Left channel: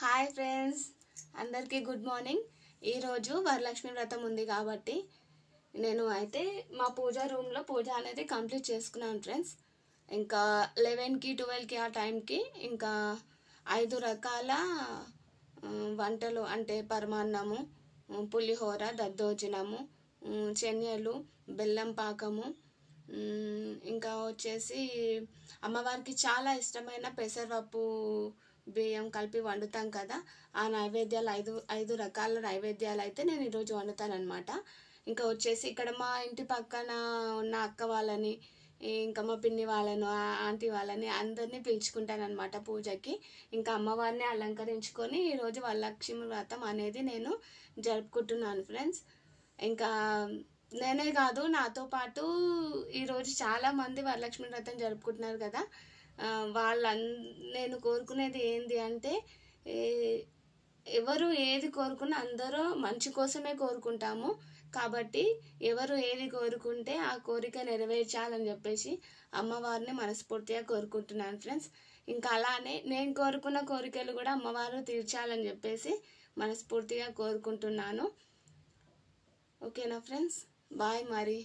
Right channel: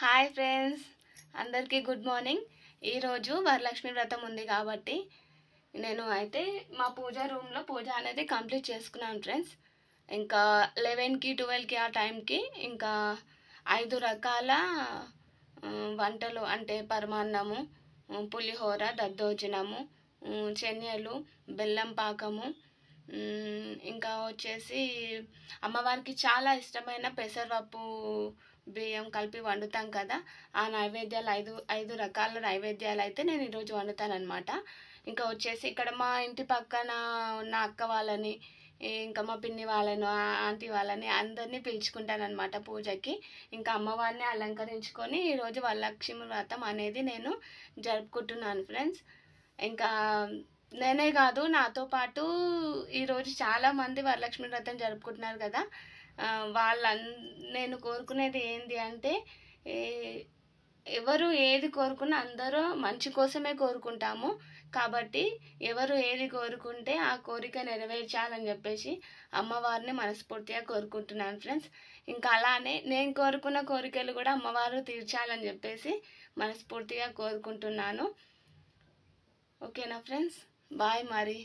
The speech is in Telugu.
హాయ్ ఫ్రెండ్స్, అందరికీ గుడ్ మార్నింగ్. ఈరోజు వరలక్ష్మి వ్రతం ఉంది కాబట్టి నేను అయితే మా పూజ రూమ్లో పూజ అనేది కంప్లీట్ చేసుకున్నాను ఫ్రెండ్స్. ఇంకా 11కి 12కి ఆ టైంకి ఇంకా 5 రకాల వంటలు అంటే పరమాన్నము, పులిహోర, దద్దోజనము, శనగలు, బెల్లం పాకము, ఇంకా వచ్చేసి అమ్మవారికి చాలా ఇష్టమైన పెసరపప్పు బియ్యం కలిపి వండుతాం కదా. ఆ నైవేద్యాలు ఐదు రకాల నైవేద్యాలు అయితే నేను ఈరోజు వండుతానమాట. ఇంకా వచ్చేసి ఇక్కడ మా ఇంటి పక్కన ఉన్న అక్క వాళ్ళని, ఇంకా మా పిన్ని వాళ్ళను, ఆంటీ వాళ్ళని అందరినీ పిలుచుకుంటానమాట పూజకి. ఇంకా అమ్మవారిని అలంకరించుకొని ఈరోజు వరలక్ష్మి వ్రతం అనేది నేను జరుపుకుంటున్నాను ఫ్రెండ్స్. ఇంకా నేనే కాదు, నాతో పాటు ఈరోజు చాలామంది వరలక్ష్మి వ్రతం జరుపుకుంటున్నారు కదా. నేను కోరుకునేది ఏంటి అంటే, ఎవరు ఏది కోరుకున్నా అందరూ మంచి కోసమే కోరుకుంటాము కాబట్టి ఎవరు ఏది కోరుకుంటే ఆ కోరిక నెరవేర్చాలని చెప్పేసి అమ్మవారిని మనస్ఫూర్తిగా కోరుకుంటున్నాను ఫ్రెండ్స్. ఇంకా అలానే నేను కోరుకున్న కోరికలు కూడా అమ్మవారు తీర్చాలని చెప్పేసి మనస్ఫూర్తిగా కోరుకుంటున్నాను. ఓకేనా ఫ్రెండ్స్, బాయ్ మరి.